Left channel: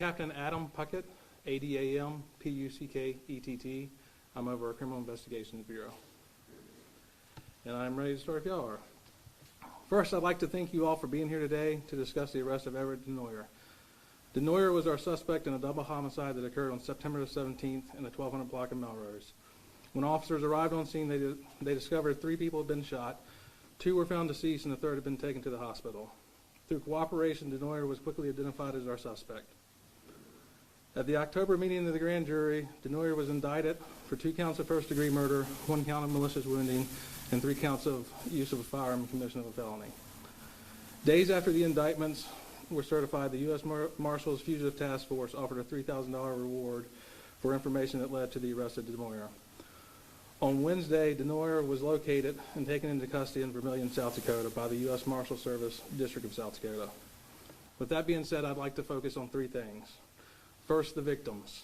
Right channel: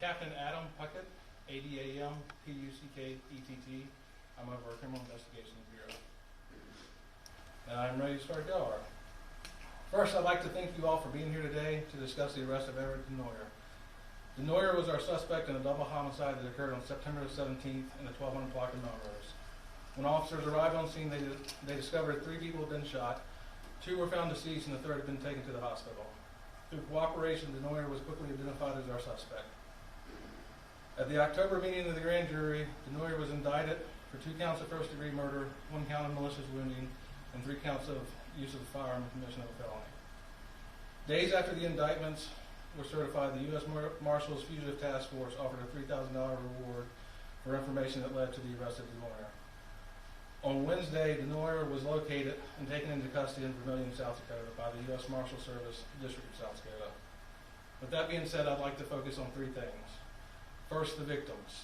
Captain Adam Puckett, ADAM PUCKETT. I'm over our Criminal Investigations Bureau. And I'm ready to start y'all. First, I'd like to thank you all for being here today to discuss the arrest of Edward Denoyer. Denoyer was our suspect in a double homicide that occurred on September the 17th in the 1200 block of Melrose. When officers arrived on scene, they discovered 3 people had been shot, 2 were found deceased, and the 3rd had been taken to the hospital. Through cooperation, Denoyer was quickly identified as our suspect. At the October meeting of the grand jury, Denoyer was indicted for 2 counts of first-degree murder, 1 count of malicious wounding, and 3 counts of use of a firearm and commission of a felony. Days after the indictments were certified, the U.S. Marshals Fugitive Task Force offered a $3,000 reward for information that led to the arrest of Denoyer. On Wednesday, Denoyer was located and taken into custody in Vermillion, South Dakota by the U.S. Marshal Service, District of South Dakota. With that being said, I'd like to focus on 3 things. First, the victims.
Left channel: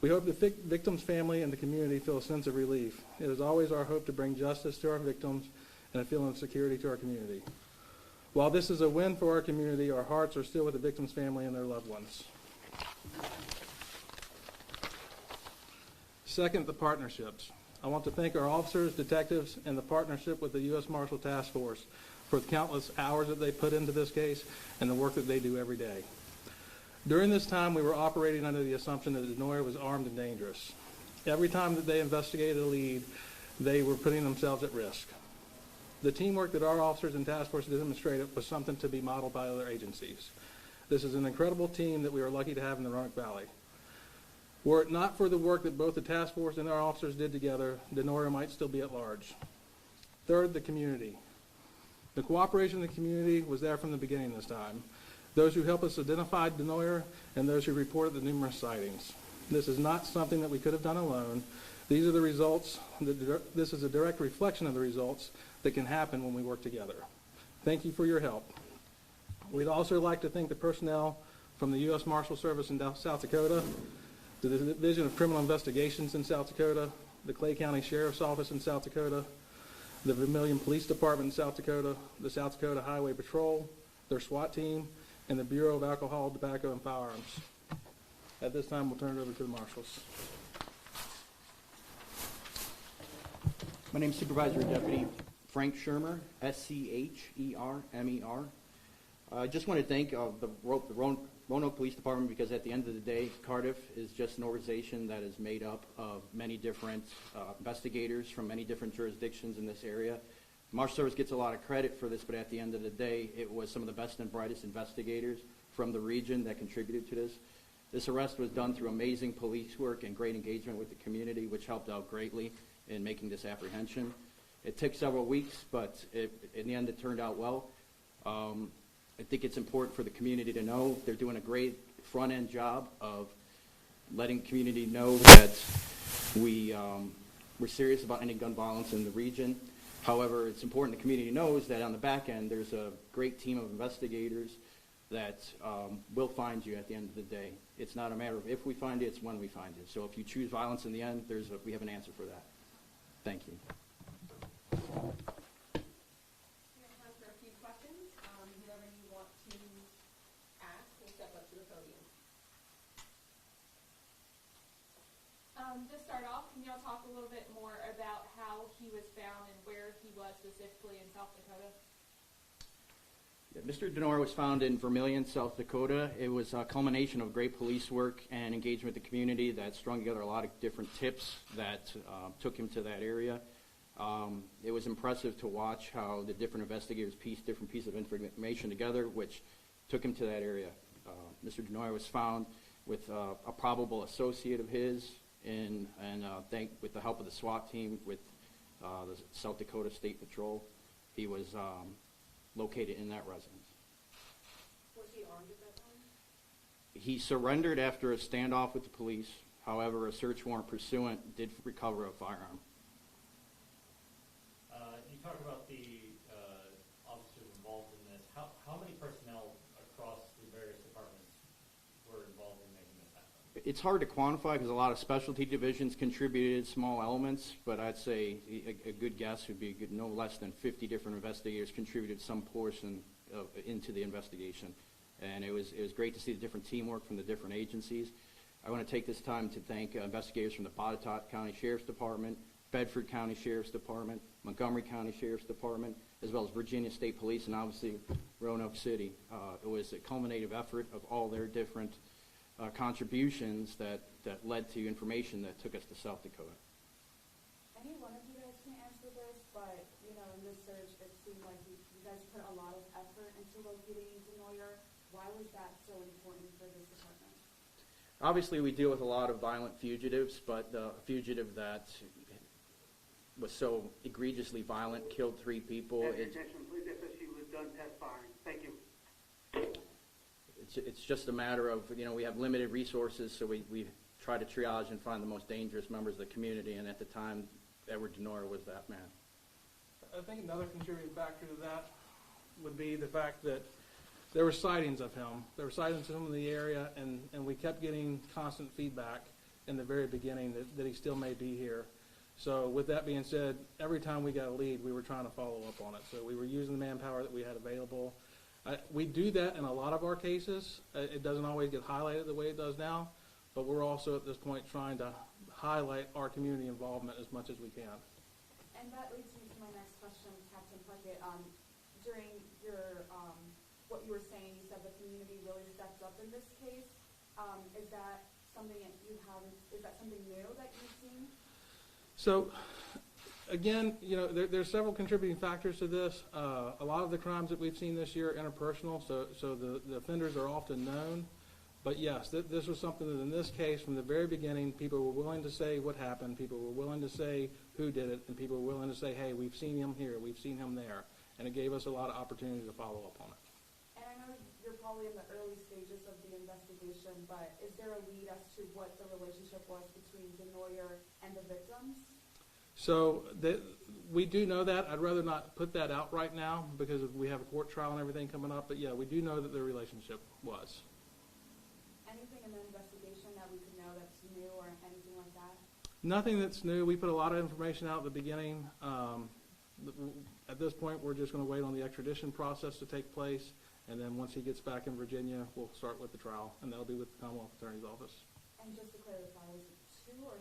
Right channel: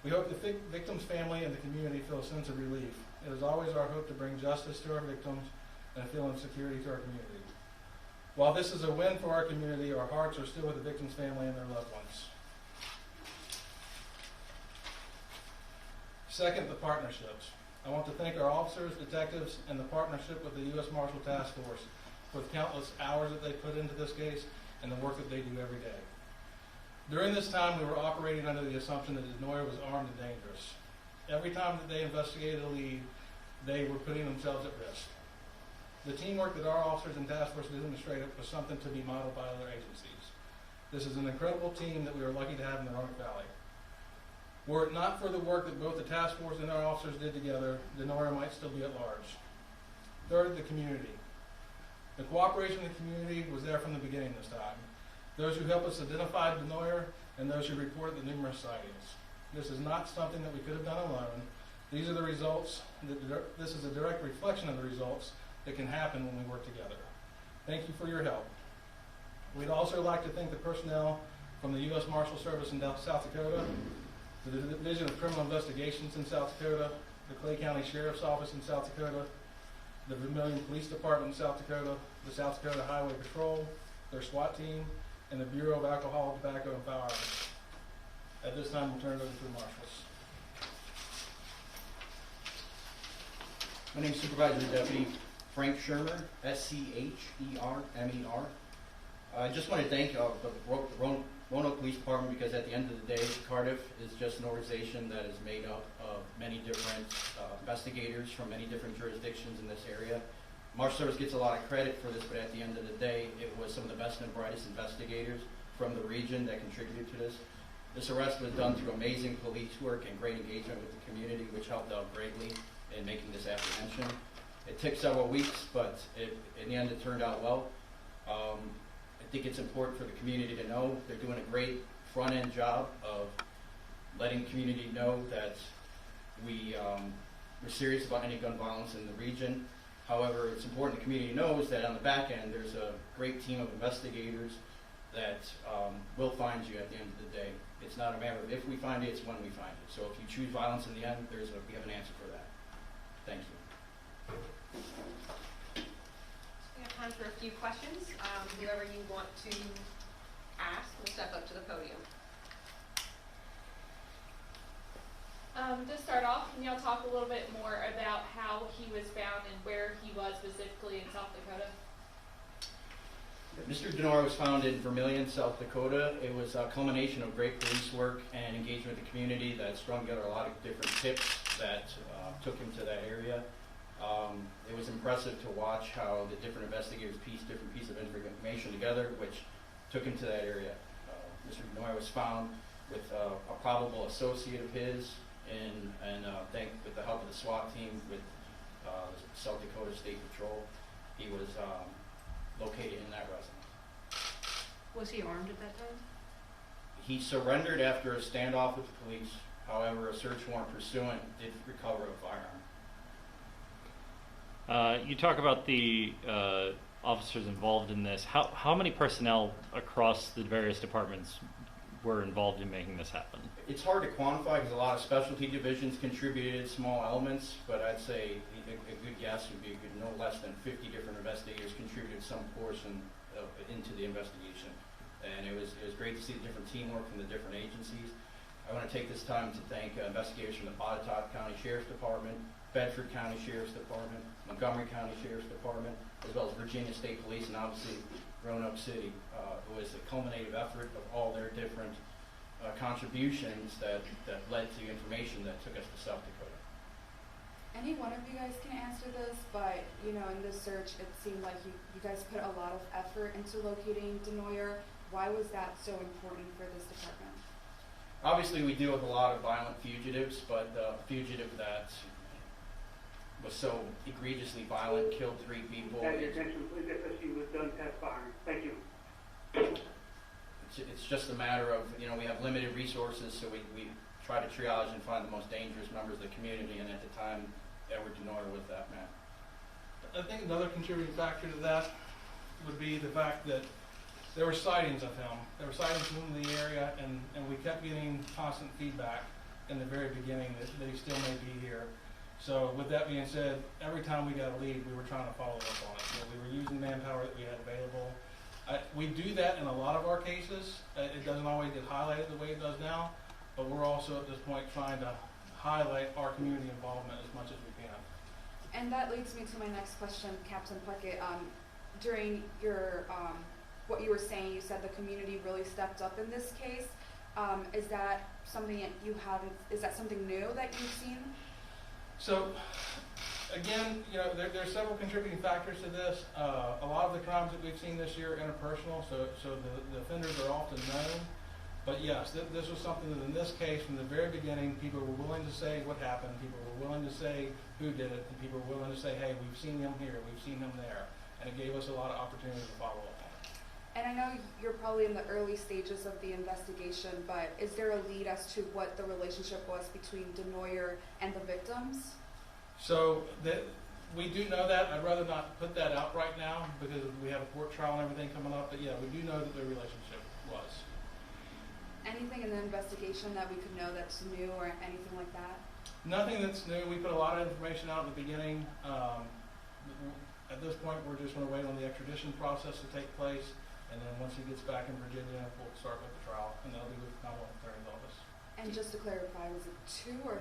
We hope the victim's family and the community feel a sense of relief. It is always our hope to bring justice to our victims and a feeling of security to our community. While this is a win for our community, our hearts are still with the victim's family and their loved ones. Second, the partnerships. I want to thank our officers, detectives, and the partnership with the U.S. Marshal Task Force for the countless hours that they put into this case and the work that they do every day. During this time, we were operating under the assumption that Denoyer was armed and dangerous. Every time that they investigated a lead, they were putting themselves at risk. The teamwork that our officers and task force demonstrated was something to be modeled by other agencies. This is an incredible team that we are lucky to have in the Roanoke Valley. Were it not for the work that both the task force and our officers did together, Denoyer might still be at large. Third, the community. The cooperation of the community was there from the beginning this time. Those who helped us identify Denoyer and those who reported the numerous sightings. This is not something that we could have done alone. These are the results. This is a direct reflection of the results that can happen when we work together. Thank you for your help. We'd also like to thank the personnel from the U.S. Marshal Service in South Dakota, the Division of Criminal Investigations in South Dakota, the Clay County Sheriff's Office in South Dakota, the Vermillion Police Department in South Dakota, the South Dakota Highway Patrol, their SWAT team, and the Bureau of Alcohol, Tobacco, and Firearms. At this time, we'll turn it over to the Marshals. My name is Supervisor Deputy Frank Shermer, S-C-H-E-R-M-E-R. I just want to thank the Roanoke Police Department because at the end of the day, Cardiff is just an organization that is made up of many different investigators from many different jurisdictions in this area. Marshal Service gets a lot of credit for this, but at the end of the day, it was some of the best and brightest investigators from the region that contributed to this. This arrest was done through amazing police work and great engagement with the community, which helped out greatly in making this apprehension. It took several weeks, but in the end it turned out well. I think it's important for the community to know they're doing a great front-end job of letting the community know that we're serious about any gun violence in the region. However, it's important the community knows that on the back end there's a great team of investigators that will find you at the end of the day. It's not a matter of if we find you, it's when we find you. So if you choose violence in the end, we have an answer for that. Thank you. We have time for a few questions. Whoever you want to ask will step up to the podium. To start off, can y'all talk a little bit more about how he was found and where he was specifically in South Dakota? Yeah, Mr. Denoyer was found in Vermillion, South Dakota. It was a culmination of great police work and engagement with the community that strung together a lot of different tips that took him to that area. It was impressive to watch how the different investigators pieced different pieces of information together, which took him to that area. Mr. Denoyer was found with a probable associate of his, with the help of the SWAT team with the South Dakota State Patrol. He was located in that residence. Was he armed at that time? He surrendered after a standoff with the police. However, a search warrant pursuant did recover a firearm. You talk about the officers involved in this. How many personnel across the various departments were involved in making this happen? It's hard to quantify because a lot of specialty divisions contributed small elements, but I'd say a good guess would be no less than 50 different investigators contributed some portion into the investigation. and it was great to see the different teamwork from the different agencies. I want to take this time to thank investigators from the Pontotoc County Sheriff's Department, Bedford County Sheriff's Department, Montgomery County Sheriff's Department, as well as Virginia State Police, and obviously Roanoke City. It was a culminative effort of all their different contributions that led to information that took us to South Dakota. Any one of you guys can answer this, but in this search, it seemed like you guys put a lot of effort into locating Denoyer. Why was that so important for this department? Obviously, we deal with a lot of violent fugitives, but the fugitive that was so egregiously violent, killed 3 people. Have your attention, please. SSU was done testifying. Thank you. It's just a matter of, we have limited resources, so we try to triage and find the most dangerous members of the community, and at the time, Edward Denoyer was that man. I think another contributing factor to that would be the fact that there were sightings of him. There were sightings of him in the area, and we kept getting constant feedback in the very beginning that he still may be here. So with that being said, every time we got a lead, we were trying to follow up on it. So we were using manpower that we had available. We do that in a lot of our cases. It doesn't always get highlighted the way it does now, but we're also at this point trying to highlight our community involvement as much as we can. And that leads me to my next question, Captain Puckett. During your what you were saying, you said the community really stepped up in this case. Is that something that you haven't? Is that something new that you've seen? So, again, there's several contributing factors to this. A lot of the crimes that we've seen this year are interpersonal, so the offenders are often known. But yes, this was something that in this case, from the very beginning, people were willing to say what happened, people were willing to say who did it, and people were willing to say, hey, we've seen him here, we've seen him there. And it gave us a lot of opportunity to follow up on it. And I know you're probably in the early stages of the investigation, but is there a lead as to what the relationship was between Denoyer and the victims? So we do know that. I'd rather not put that out right now because we have a court trial and everything coming up. But yeah, we do know that their relationship was. Anything in the investigation that we could know that's new or anything like that? Nothing that's new. We put a lot of information out at the beginning. At this point, we're just going to wait on the extradition process to take place. And then once he gets back in Virginia, we'll start with the trial. And that'll be with the Commonwealth Attorney's Office. And just to clarify, was it 2 or...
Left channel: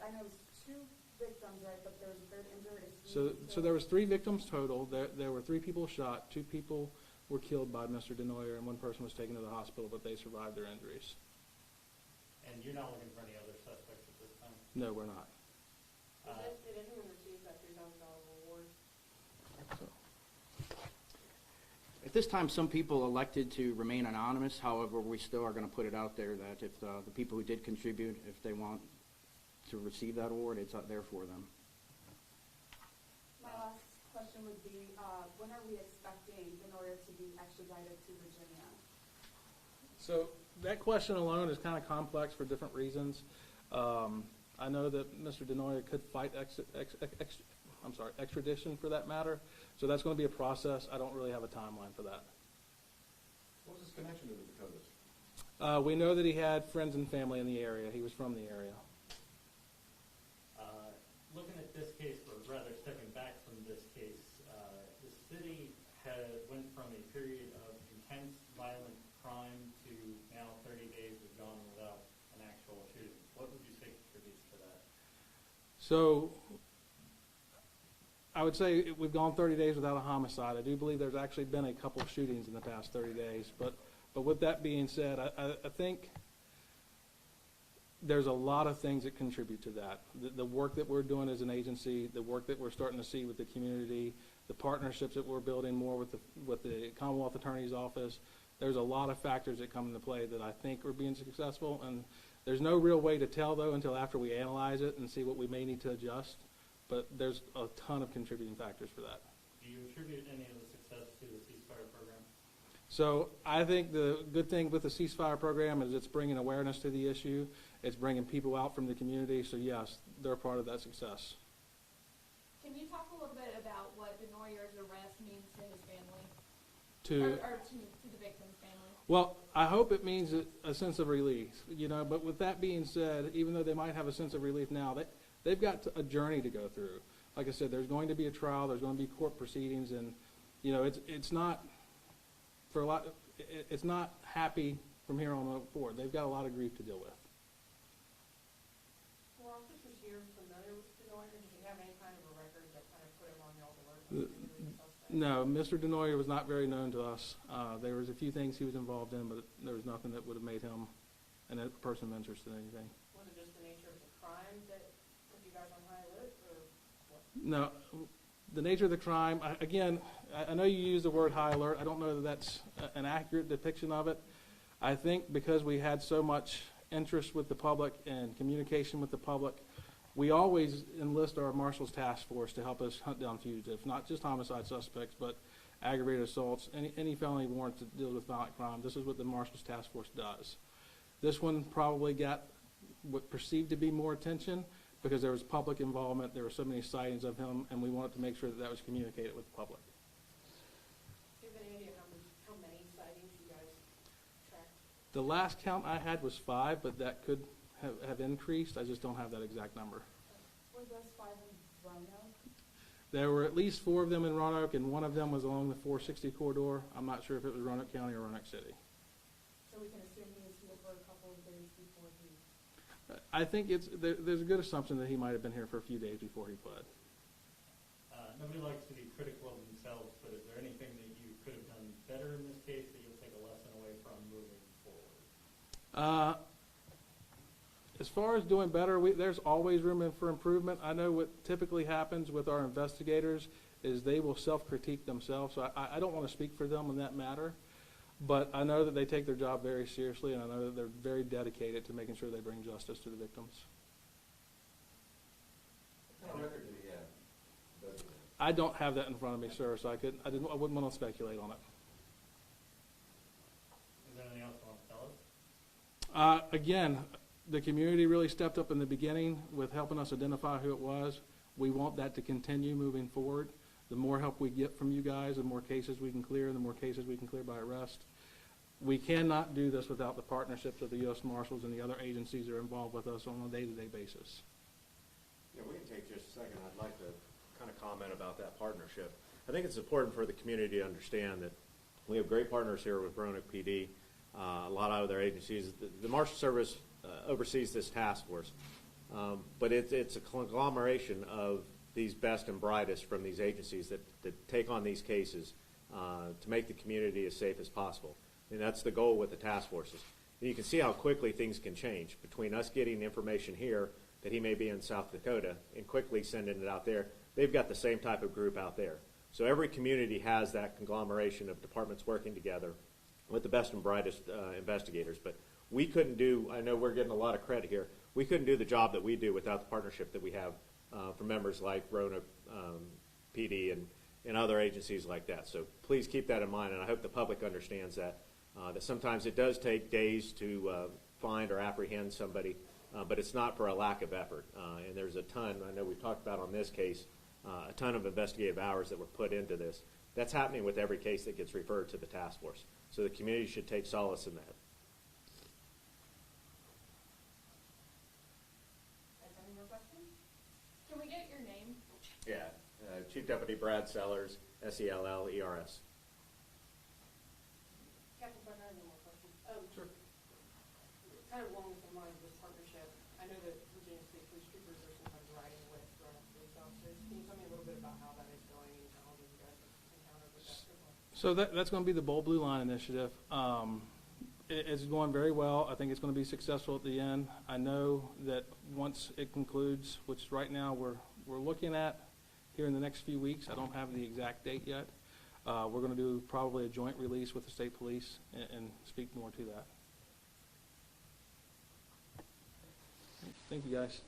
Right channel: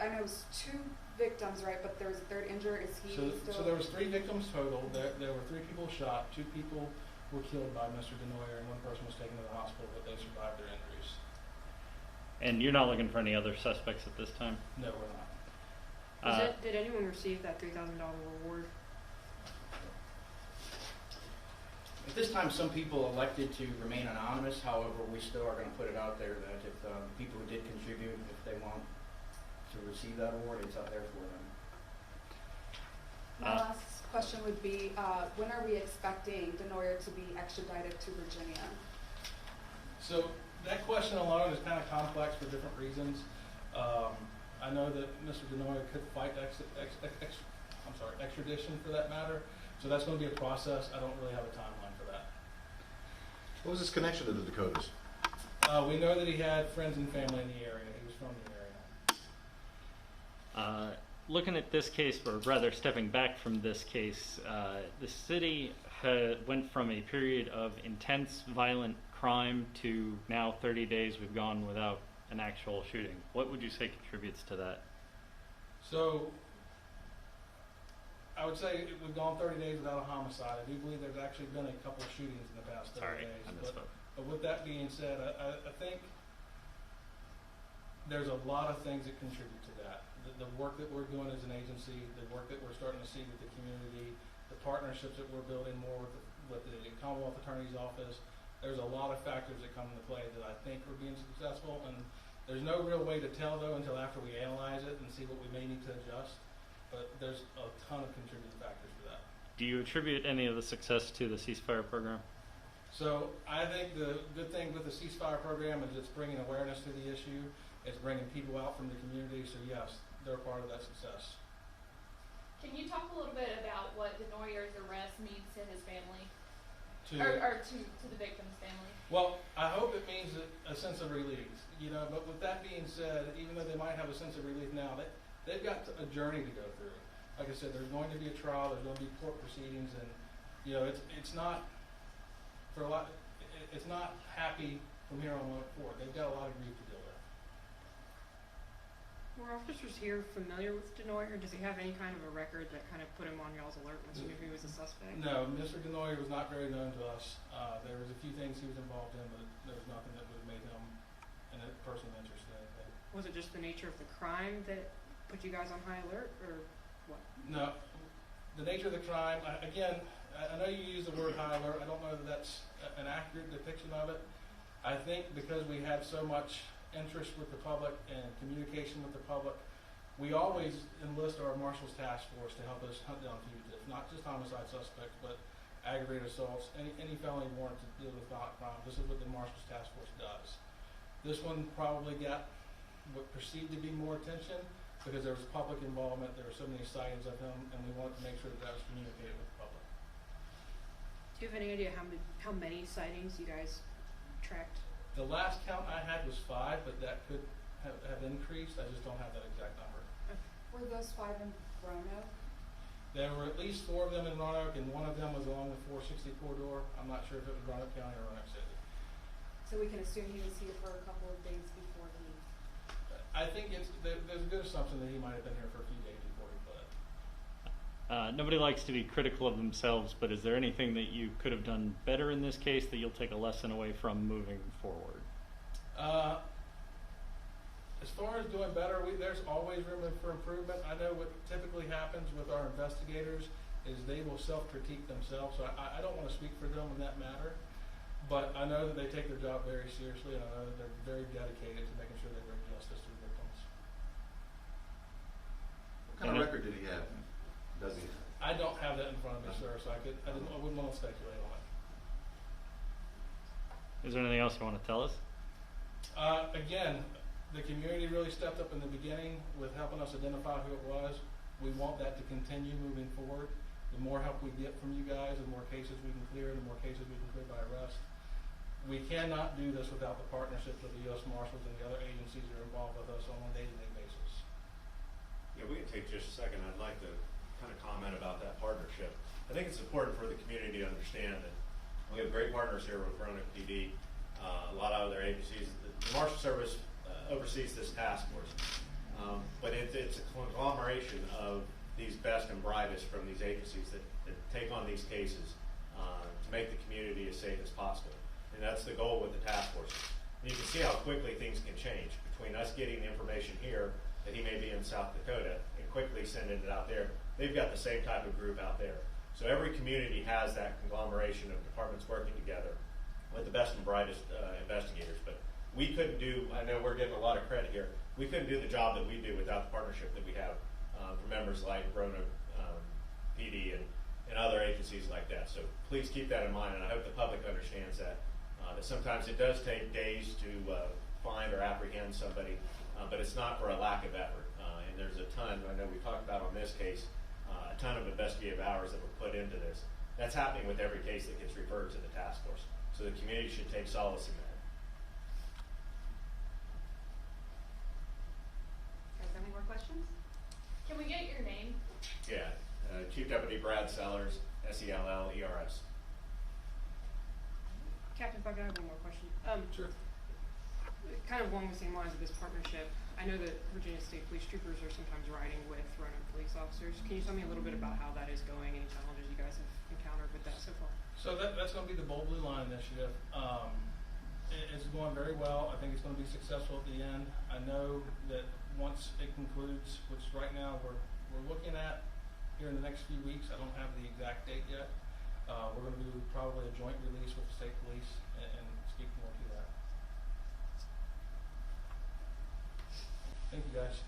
I know it was 2 victims, right? But there was a 3rd injured. Is he still... So there was 3 victims total. There were 3 people shot. 2 people were killed by Mr. Denoyer, and 1 person was taken to the hospital, but they survived their injuries. And you're not looking for any other suspects at this time? No, we're not. Did anyone receive that $3,000 reward? At this time, some people elected to remain anonymous. However, we still are going to put it out there that if the people who did contribute, if they want to receive that award, it's up there for them. My last question would be, when are we expecting Denoyer to be extradited to Virginia? So that question alone is kind of complex for different reasons. I know that Mr. Denoyer could fight extradition for that matter. So that's going to be a process. I don't really have a timeline for that. What was his connection to the Dakotas? We know that he had friends and family in the area. He was from the area. Looking at this case, or rather stepping back from this case, the city went from a period of intense violent crime to now 30 days we've gone without an actual shooting. What would you say contributes to that? So I would say we've gone 30 days without a homicide. I do believe there's actually been a couple of shootings in the past 30 days. But with that being said, I think there's a lot of things that contribute to that. The work that we're doing as an agency, the work that we're starting to see with the community, the partnerships that we're building more with the Commonwealth Attorney's Office. There's a lot of factors that come into play that I think are being successful. And there's no real way to tell, though, until after we analyze it and see what we may need to adjust. But there's a ton of contributing factors for that. Do you attribute any of the success to the ceasefire program? So I think the good thing with the ceasefire program is it's bringing awareness to the issue. It's bringing people out from the community. So yes, they're part of that success. Can you talk a little bit about what Denoyer's arrest means to his family? Or to the victim's family? Well, I hope it means a sense of relief, but with that being said, even though they might have a sense of relief now, they've got a journey to go through. Like I said, there's going to be a trial, there's going to be court proceedings, and it's not for a lot. it's not happy from here on forward. They've got a lot of grief to deal with. Were officers here familiar with Denoyer? Does he have any kind of a record that kind of put him on y'all's alert once you knew he was a suspect? No, Mr. Denoyer was not very known to us. There was a few things he was involved in, but there was nothing that would have made him a person of interest in anything. Was it just the nature of the crime that put you guys on high alert, or what? No, the nature of the crime, again, I know you use the word high alert. I don't know that that's an accurate depiction of it. I think because we had so much interest with the public and communication with the public, we always enlist our Marshals task force to help us hunt down fugitives, not just homicide suspects, but aggravated assaults, any felony warrant to deal with violent crime. This is what the Marshals task force does. This one probably got what perceived to be more attention because there was public involvement. There were so many sightings of him, and we wanted to make sure that that was communicated with the public. Do you have any idea how many sightings you guys tracked? The last count I had was 5, but that could have increased. I just don't have that exact number. Were those 5 in Roanoke? There were at least 4 of them in Roanoke, and one of them was along the 460 corridor. I'm not sure if it was Roanoke County or Roanoke City. So we can assume he was here for a couple of days before he... I think there's a good assumption that he might have been here for a few days before he fled. Nobody likes to be critical of themselves, but is there anything that you could have done better in this case that you'll take a lesson away from moving forward? As far as doing better, there's always room for improvement. I know what typically happens with our investigators is they will self-critique themselves, so I don't want to speak for them in that matter, but I know that they take their job very seriously, and I know that they're very dedicated to making sure they bring justice to the victims. What kind of record did he have? Does he? I don't have that in front of me, sir, so I wouldn't want to speculate on it. Is there anything else you want to tell us? Again, the community really stepped up in the beginning with helping us identify who it was. We want that to continue moving forward. The more help we get from you guys, the more cases we can clear, the more cases we can clear by arrest. We cannot do this without the partnerships of the U.S. Marshals and the other agencies that are involved with us on a day-to-day basis. Yeah, we can take just a second. I'd like to kind of comment about that partnership. I think it's important for the community to understand that we have great partners here with Roanoke PD, a lot of other agencies. The Marshal Service oversees this task force, but it's a conglomeration of these best and brightest from these agencies that take on these cases to make the community as safe as possible. And that's the goal with the task forces. And you can see how quickly things can change between us getting information here that he may be in South Dakota and quickly sending it out there. They've got the same type of group out there. So every community has that conglomeration of departments working together with the best and brightest investigators. But we couldn't do, I know we're getting a lot of credit here, we couldn't do the job that we do without the partnership that we have from members like Roanoke PD and other agencies like that. So please keep that in mind, and I hope the public understands that. That sometimes it does take days to find or apprehend somebody, but it's not for a lack of effort. And there's a ton, I know we talked about on this case, a ton of investigative hours that were put into this. That's happening with every case that gets referred to the task force. So the community should take solace in that. Guys, any more questions? Can we get your name? Yeah, Chief Deputy Brad Sellers, Sellers. Captain Buck, I have one more question. Sure. Kind of along the same lines of this partnership, I know that Virginia State Police Troopers are sometimes riding with Roanoke police officers. Can you tell me a little bit about how that is going, any challenges you guys have encountered with that so far? So that's going to be the Bold Blue Line initiative. It's going very well. I think it's going to be successful at the end. I know that once it concludes, which right now we're looking at here in the next few weeks, I don't have the exact date yet. We're going to do probably a joint release with the state police and speak more to that. Thank you, guys.